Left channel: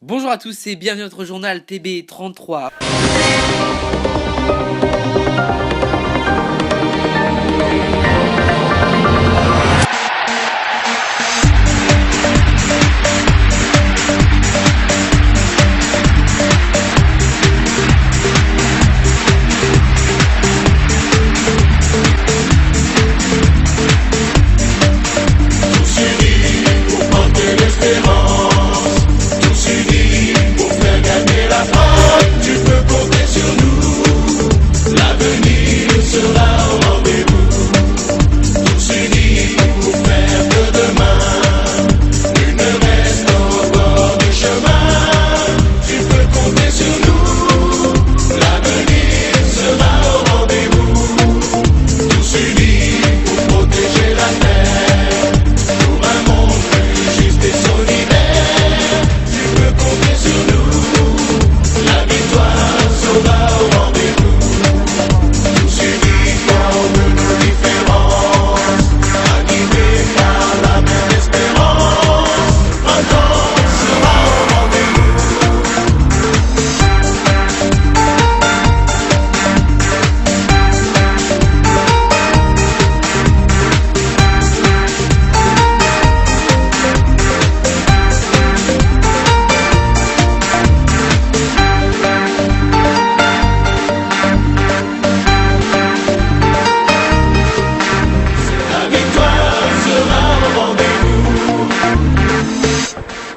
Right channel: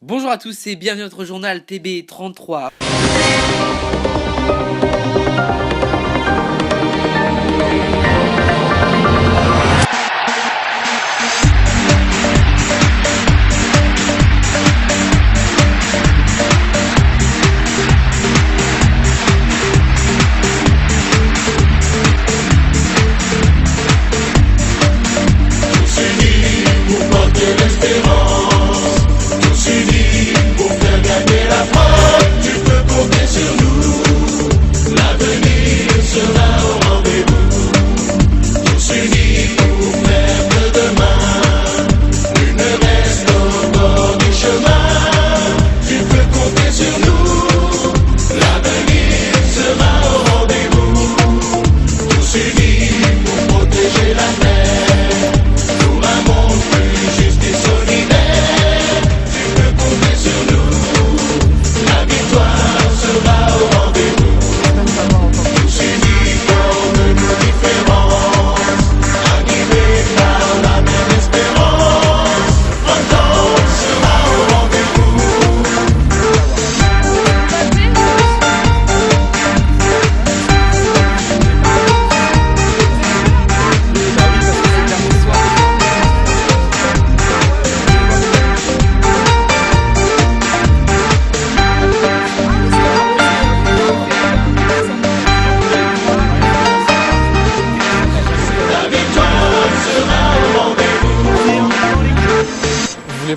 Bonjour à tous et bienvenue à notre journal TB33.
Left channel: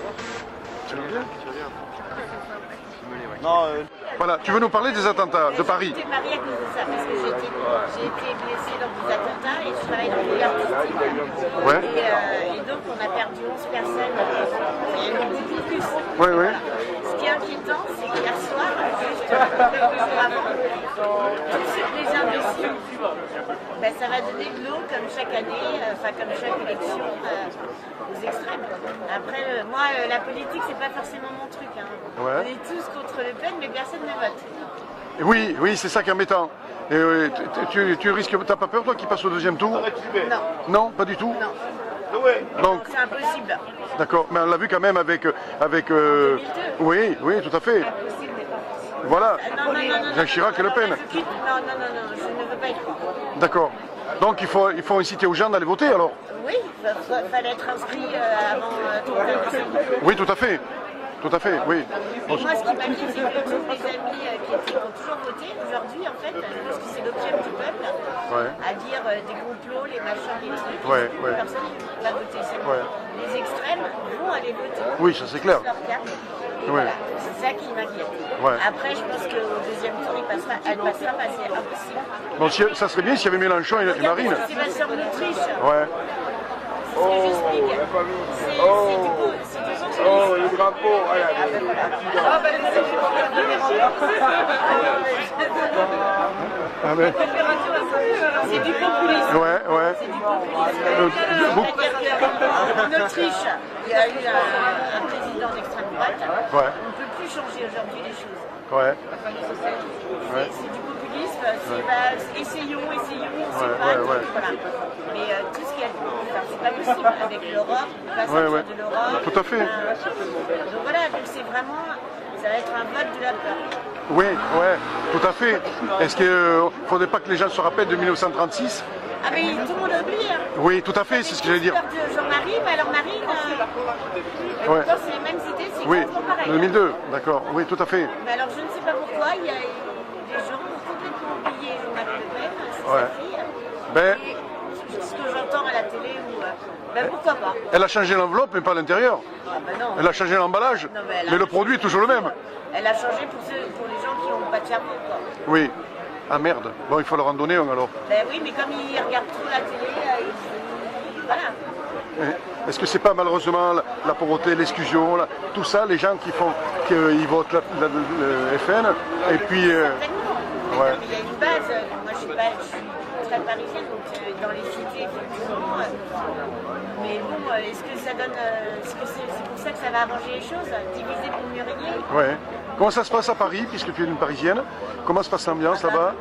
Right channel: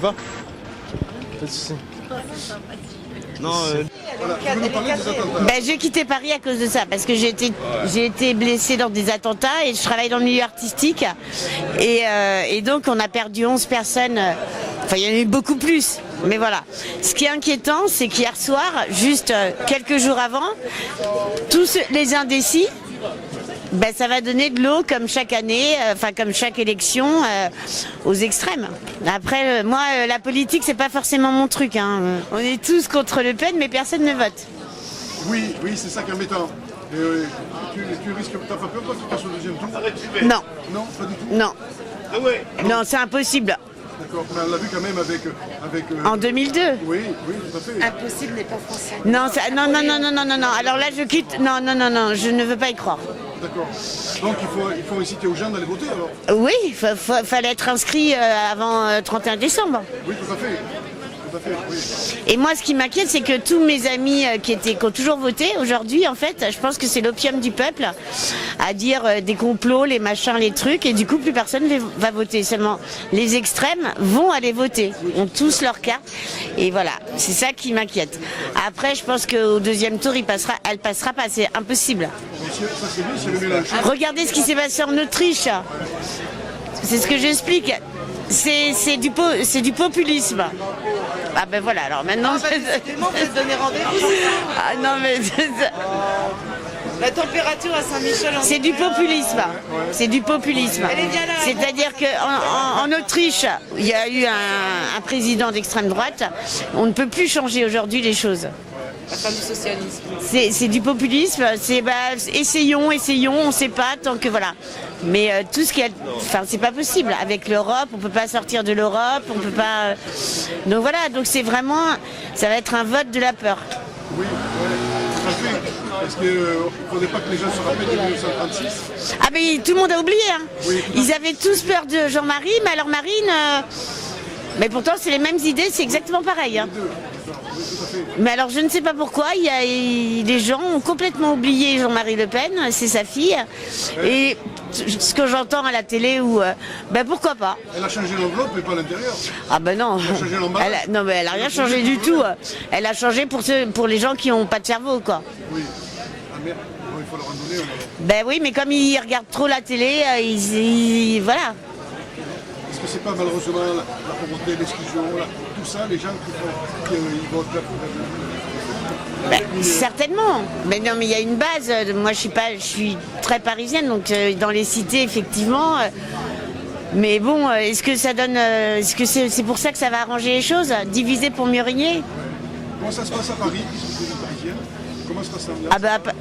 Pas de soucis. Non, Voilà, tu veux nous parler des attentats de J'ai Paris. quitté Paris à cause de ça, parce que j'ai été blessée dans des attentats et je travaille dans le milieu artistique. Ouais. Et donc on a perdu 11 personnes, enfin il y en a eu beaucoup plus, Ouais, mais ouais. voilà. Ce qui est inquiétant, c'est qu'hier soir, juste quelques jours avant, tous les indécis, ça va donner de l'eau comme chaque année, comme chaque élection, aux extrêmes. Après, moi, la politique, c'est pas forcément mon truc. Hein. On est tous contre Le Pen, mais personne ne vote. Oui, c'est ça qui est embêtant. Et, tu risques, t'as pas peur toi qu'il passe au deuxième tour? Non, Non, pas du tout. non. Non, c'est impossible. D'accord, mais on l'a vu quand même avec. En 2002. Oui, tout à fait. Impossible n'est pas français. Non, Voilà. non. Chirac et Le Alors là, Pen. je quitte. Non, je ne veux pas y croire. D'accord. Donc il faut inciter aux gens d'aller voter alors. Oui, fallait être inscrit avant 31 décembre. Oui, tout à fait. Tout à fait, oui. Et moi, ce qui m'inquiète, c'est que tous mes amis qui ont toujours voté, aujourd'hui, en fait, je pense que c'est l'opium du peuple, à dire des complots, les machins, les trucs, et Ouais, du coup, plus ouais. personne ne va voter. Seulement, les extrêmes vont aller voter, Oui, ont c'est tous clair. leur carte, et voilà, c'est ça qui m'inquiète. Ouais. Après, je pense qu'au deuxième tour, elle passera pas, c'est impossible. Bon, ça serait bien s'il y avait Mélenchon. avec Regardez ce Marine. qui s'est passé en Autriche. Ouais. C'est ce que j'explique. C'est du populisme. Ah ben voilà, alors maintenant... Ah non mais... La température à Saint-Michel en C'est du populisme. Ouais. C'est du populisme. C'est-à-dire qu'en Autriche, il y a eu un président d'extrême droite. On ne peut plus changer aujourd'hui les choses. Ouais. la fin du socialisme. C'est du populisme. C'est essayons, on ne sait pas tant que voilà. Mais tout ce qui est, c'est pas possible. Avec l'Europe, on peut pas sortir ouais. de l'Europe, Tout on à peut fait. pas. Donc voilà. Donc c'est vraiment, ça va être un vote de la peur. Oui, tout à fait. Est-ce qu'il ne faudrait pas que les gens se rappellent de 1936? Ah mais tout le monde a oublié. Hein. Oui, tout à Ils fait, avaient c'est ce que tous j'allais peur de Jean-Marie, mais alors Marine. Mais Ouais. pourtant, c'est les mêmes idées, c'est exactement pareil. Les Hein. deux, d'accord. Oui, tout à fait. Mais alors, je ne sais pas pourquoi, les gens ont complètement oublié Jean-Marie Le Pen, c'est sa fille. Ouais. Et ce que j'entends à la télé, pourquoi pas? Elle a changé l'enveloppe, mais pas l'intérieur. Ah ben non. Elle a changé l'emballage. Non, mais elle a Mais le rien projet changé est du toujours tout. le même. Elle a changé pour les gens qui n'ont pas de cerveau, quoi. Oui. Ah merde. Bon, il faut leur en donner un alors. Ben oui, mais comme ils regardent trop la télé, voilà. Oui. Est-ce que c'est pas malheureusement la pauvreté, l'exclusion, tout ça, les gens qui font qu'ils votent le FN et puis, Certainement, mais ouais. non, mais il y a une base. Moi, je suis très parisienne, donc dans les cités, effectivement. Mais bon, est-ce que ça donne, est-ce que c'est pour ça que ça va arranger les choses, diviser pour mieux régner? ouais. Comment ça se passe à Paris, puisque tu es une Parisienne? Comment se passe l'ambiance là-bas?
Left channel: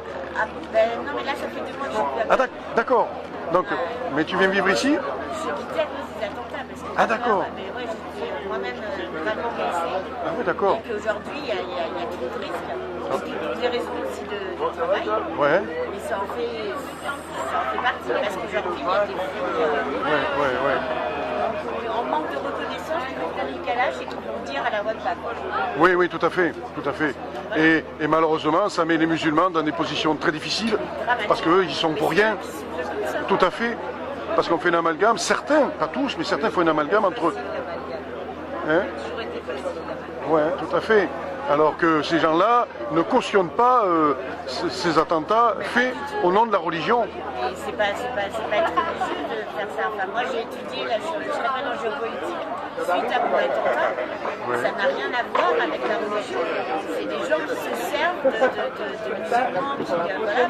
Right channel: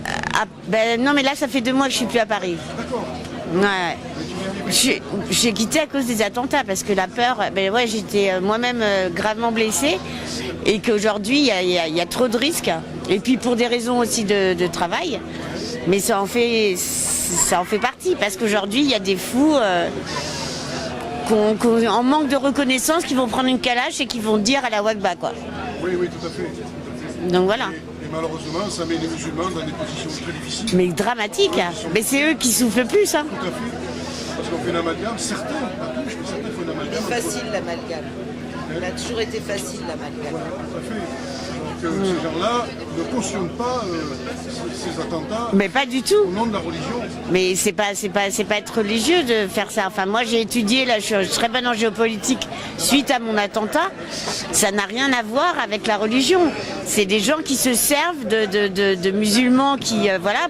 Non, mais là, ça fait 2 mois que je suis plus à Paris. D'accord. Donc, Ouais. mais tu viens vivre ici. J'ai quitté à cause des attentats parce que la d'accord. peur, ben ouais, j'étais moi-même gravement blessée D'accord. et qu'aujourd'hui il y a trop de risques. Et puis pour des raisons aussi de travail, Ouais. mais ça en fait partie parce qu'aujourd'hui il y a des fous en manque de reconnaissance qui vont prendre une calache et qui vont dire à la Wagba quoi. Oui, oui, tout à fait, tout à fait. Donc voilà. Et malheureusement, ça met les musulmans dans des positions très difficiles. Mais dramatique, Parce qu'eux, hein. ils sont Mais pour c'est rien. eux qui souffrent le plus. Hein. Tout à fait. Parce qu'on fait un amalgame, certains, pas tous, mais certains font un amalgame entre... Facile l'amalgame. Hein? Ça a toujours été facile l'amalgame. Ouais, tout à fait. Alors que ces gens-là ne cautionnent pas ces attentats Mais pas faits du tout. au nom de la religion. Mais c'est pas être religieux de faire ça. Enfin, moi j'ai étudié, là, je suis très bonne en géopolitique suite à mon attentat. Ça n'a rien à voir avec la religion. C'est des gens qui se servent de musulmans qui, voilà,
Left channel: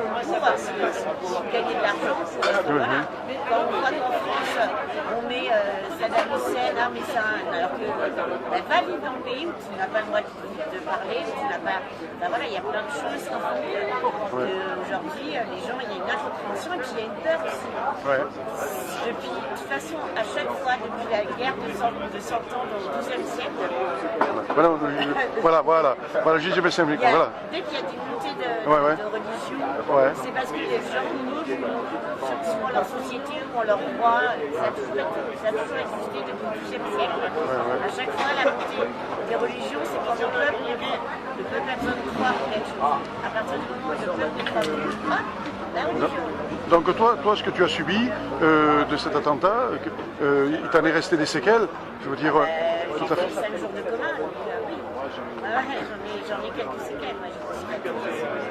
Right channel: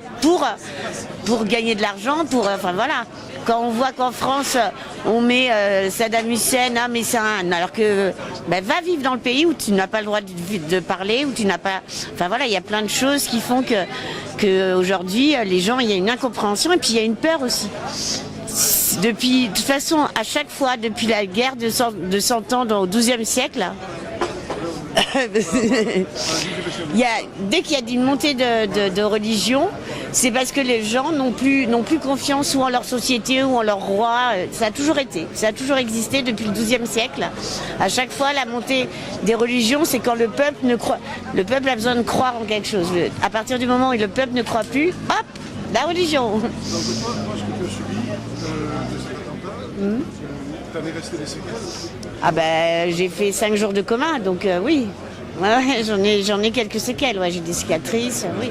pour gagner de l'argent, enfin voilà. Quand on voit qu'en France, on met Saddam Hussein, ah mais c'est un... Alors que, ben, va vivre dans le pays où tu n'as pas le droit de parler, où tu n'as pas... Enfin voilà, il y a plein de choses qui font que aujourd'hui, les gens, il y a une incompréhension et puis il y a une peur aussi. Depuis, de toute façon, à chaque fois, depuis la guerre de 100 ans au XIIe siècle, Voilà, voilà, j'ai fait ça, il y a- voilà. dès qu'il y a une montée de religion, c'est parce que les gens n'ont plus confiance ou en leur société ou en leur roi. Ça a toujours été, ça a toujours existé depuis le XIIe siècle. À chaque fois, la montée des religions, c'est quand le peuple a besoin de croire en quelque chose. À partir du moment où le peuple ne croit plus, hop, la religion. Donc toi, ce que tu as subi de cet attentat, il t'en est resté des séquelles? Je veux dire, Ah ben, j'ai fait 5 jours de coma, donc oui. Ouais, j'en ai quelques séquelles, ouais, j'ai des cicatrices, oui.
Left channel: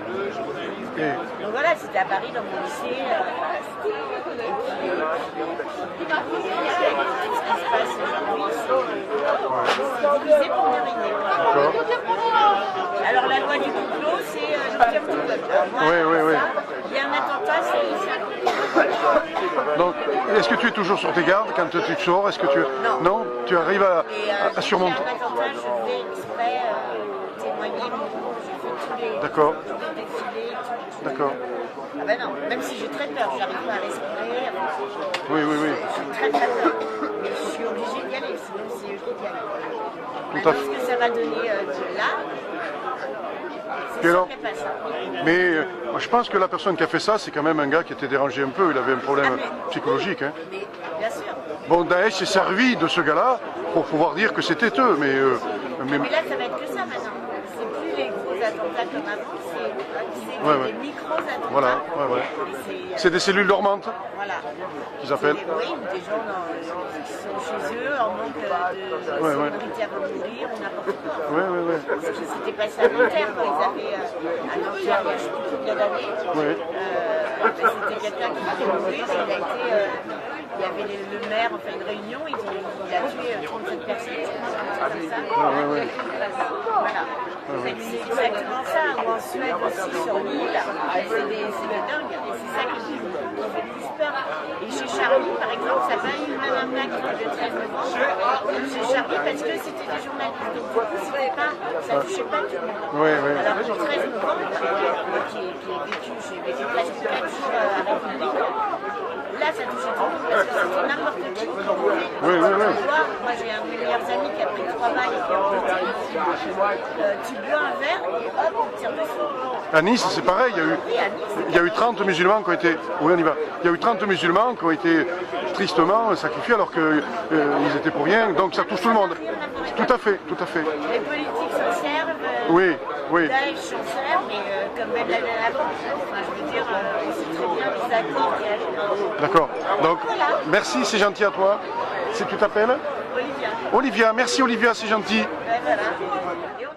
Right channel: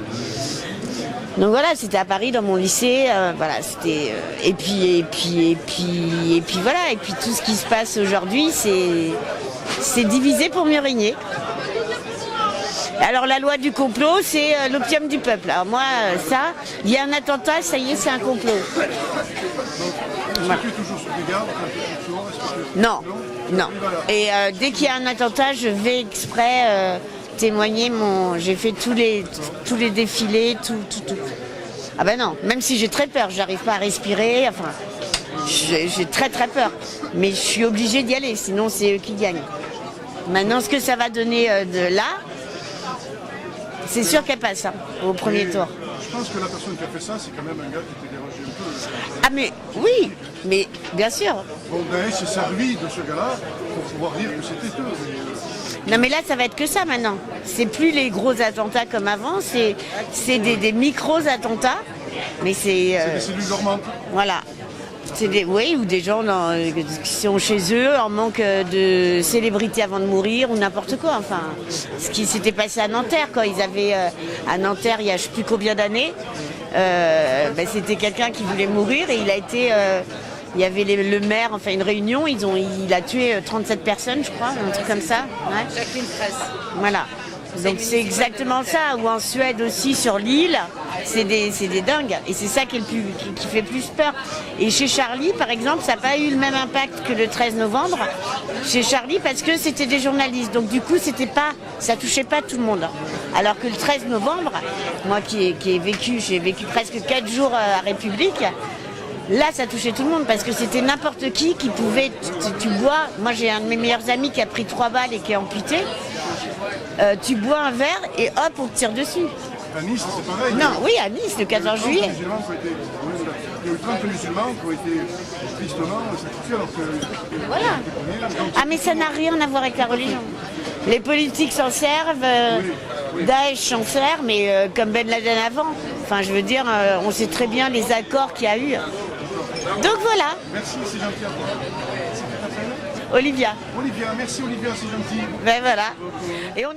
Donc voilà, c'était à Paris dans mon lycée, voilà, c'était et puis voilà, et puis tout ce qui se passe aujourd'hui, c'est divisé pour mieux régner. Alors la loi du complot, c'est l'opium du peuple. Alors moi, ça, il y a un attentat, ça y est, c'est un complot. donc, est-ce que tu es toujours sur tes gardes quand tu sors? Est-ce que tu... Non. Non. Tu Non. arrives à... Et à dès qu'il y a un attentat, je vais exprès témoigner j'ai fait D'accord. tous les défilés, tout. D'accord. Ah ben non, même si j'ai très peur, j'arrive pas à respirer, enfin, Oui, oui, oui. j'ai très peur. Mais je suis obligée d'y aller, sinon c'est eux qui gagnent. Maintenant, ce que ça va donner de là, c'est sûr qu'elle passe hein, au premier Mais tour. je pense que la personne qui a fait ça, c'est quand même un gars qui était dérangé un peu. Il avait un problème Ah mais oui, psychologique. Hein. mais bien sûr. Bon, Daesh s'est servi de ce gars-là pour pouvoir dire que c'était eux, mais... Non mais là ça va être que ça maintenant. C'est plus les gros attentats comme avant, c'est des micros attentats. Ouais. Mais c'est C'est des cellules dormantes. voilà. Ils appellent. Oui, ou des gens qui sont chez eux en manque de célébrité avant de mourir ou n'importe quoi. Enfin, ce qui s'était passé à Nanterre quand ils avaient à Nanterre il y a je sais plus combien d'années, ben, c'était quelqu'un qui voulait mourir et il a été il y avait le maire, enfin une réunion, il a tué 37 personnes, je crois, un truc comme ça. Ouais. Voilà. C'est exactement ça. Ou en Suède aussi, sur l'île, c'est des dingues. Et c'est ça qui fait plus peur. Et chez Charlie, par exemple, ça n'a pas eu le même impact que le 13 novembre. Chez Charlie, parce que c'était des journalistes. Donc du coup, ça touchait pas tout le monde. Alors que le 13 novembre, moi j'ai vécu presque 4 jours à République. Là, ça touchait tout le monde parce que c'était n'importe qui pouvait. Tu bois. Moi, j'ai un de mes meilleurs amis qui a pris 3 balles et qui est amputé. Tu bois un verre et hop, on te tire dessus. À Nice, c'est pareil. Non, oui, à Nice, le Il y a eu 14 30 juillet. musulmans qui ont été... Oui, on y va. Il y a eu 30 musulmans qui ont été tristement sacrifiés alors qu'ils étaient pour rien. Donc, Ah, mais touche ça tout le n'a monde. rien à voir avec la Tout à fait, religion. tout à fait. Les politiques s'en servent, Oui. Daesh s'en sert, mais comme Ben Laden avant. Enfin, je veux dire, on sait très bien les accords qu'il y a eu. D'accord. Donc voilà, Merci, c'est gentil à toi. C'est que tu t'appelles Olivia. Olivia. Merci Olivia, c'est gentil. Ben voilà. Et on est...